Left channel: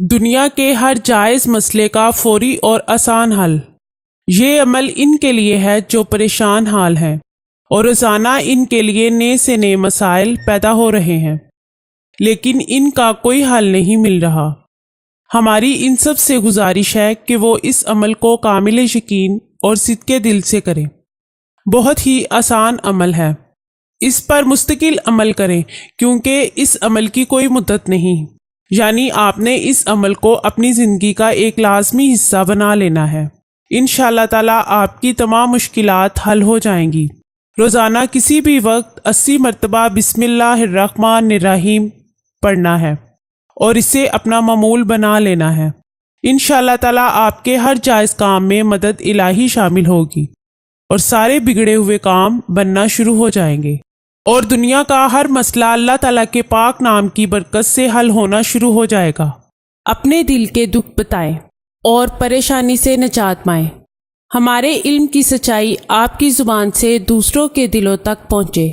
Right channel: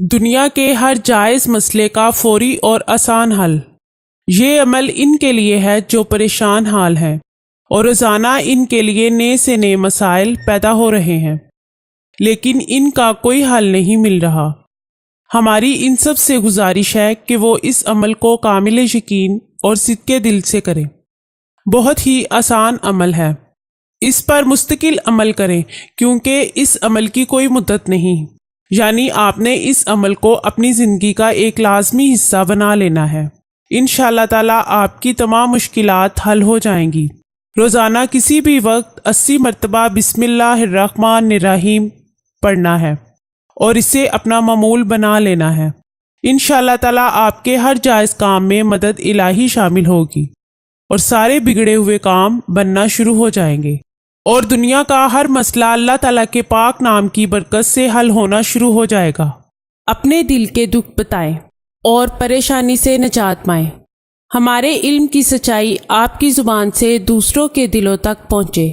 دنیا کے ہر جائز مسئلے کا فوری اور آسان حل۔ یہ عمل ان کے لیے ہے جو پریشان حال ہے اور روزانہ ان کے لیے نئے سے نئے مسائل پیدا ہو رہے ہیں، لیکن ان کا کوئی حل نہیں مل رہا۔ ہماری ان سب سے گزارش ہے کہ وہ اس عمل کو کامل یقین اور صدقے دل سے کریں۔ بہت ہی آسان عمل ہے، اس پر مستقل عمل کریں کیونکہ اس عمل کی کوئی مدت نہیں، یعنی آپ نے اس عمل کو اپنی زندگی کا ایک لازمی حصہ بنا لینا ہے۔ انشاءاللہ تعالیٰ آپ کی تمام مشکلات حل ہو جائیں گی۔ روزانہ کسی بھی وقت 80 مرتبہ بسم اللہ الرحمن الرحیم پڑھنا ہے اور اسے اپنا معمول بنا لینا ہے۔ انشاءاللہ تعالیٰ آپ کے ہر جائز کام میں مدد الہی شامل ہوگی اور سارے بگڑے ہوئے کام بننا شروع ہو جائیں گے اور دنیا کا ہر مسئلہ اللہ تعالیٰ کے پاک نام کی برکت سے حل ہونا شروع ہو جائے گا۔ اپنے دل کے دکھ بتائیں اور پریشانی سے نجات پائیں۔ ہمارے علم کی سچائی آپ کی زبان سے دوسروں کے دلوں تک پہنچے۔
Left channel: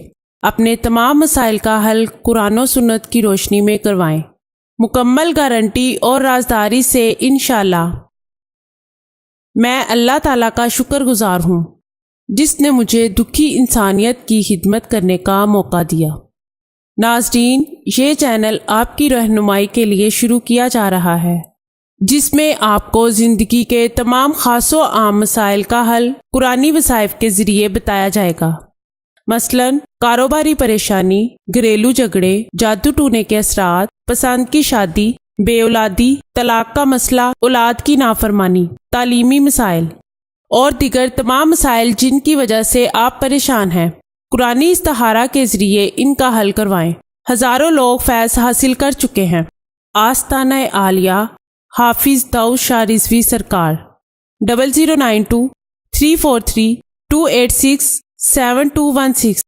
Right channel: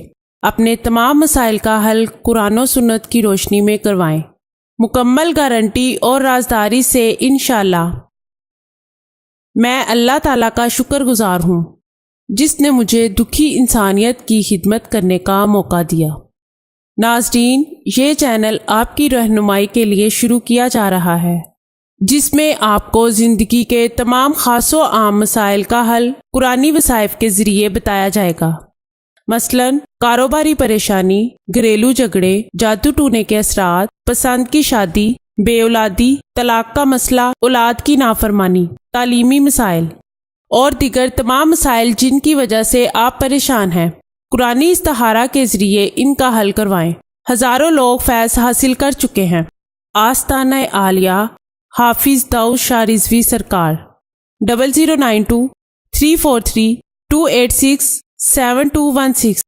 اپنے تمام مسائل کا حل قرآن و سنت کی روشنی میں کروائیں، مکمل گارنٹی اور رازداری سے انشاءاللہ۔ میں اللہ تعالیٰ کا شکر گزار ہوں جس نے مجھے دکھی انسانیت کی خدمت کرنے کا موقع دیا۔ ناظرین، یہ چینل آپ کی رہنمائی کے لیے شروع کیا جا رہا ہے، جس میں آپ کو زندگی کے تمام خاص و عام مسائل کا حل قرآنی وظائف کے ذریعے بتایا جائے گا۔ مثلاً کاروباری پریشانی، گھریلو جھگڑے، جادو ٹونے کے اثرات، پسند کی شادی، بے اولادی، طلاق کا مسئلہ، اولاد کی نافرمانی، تعلیمی مسائل اور دیگر تمام مسائل جن کی وجہ سے آپ پریشان ہیں، قرآنی استخارہ کے ذریعے ان کا حل کروائیں۔ ہزاروں لوگ فیض حاصل کر چکے ہیں۔ آستانہ عالیہ حافظ داؤد شاہ رضوی سرکار 0092 343 286 7216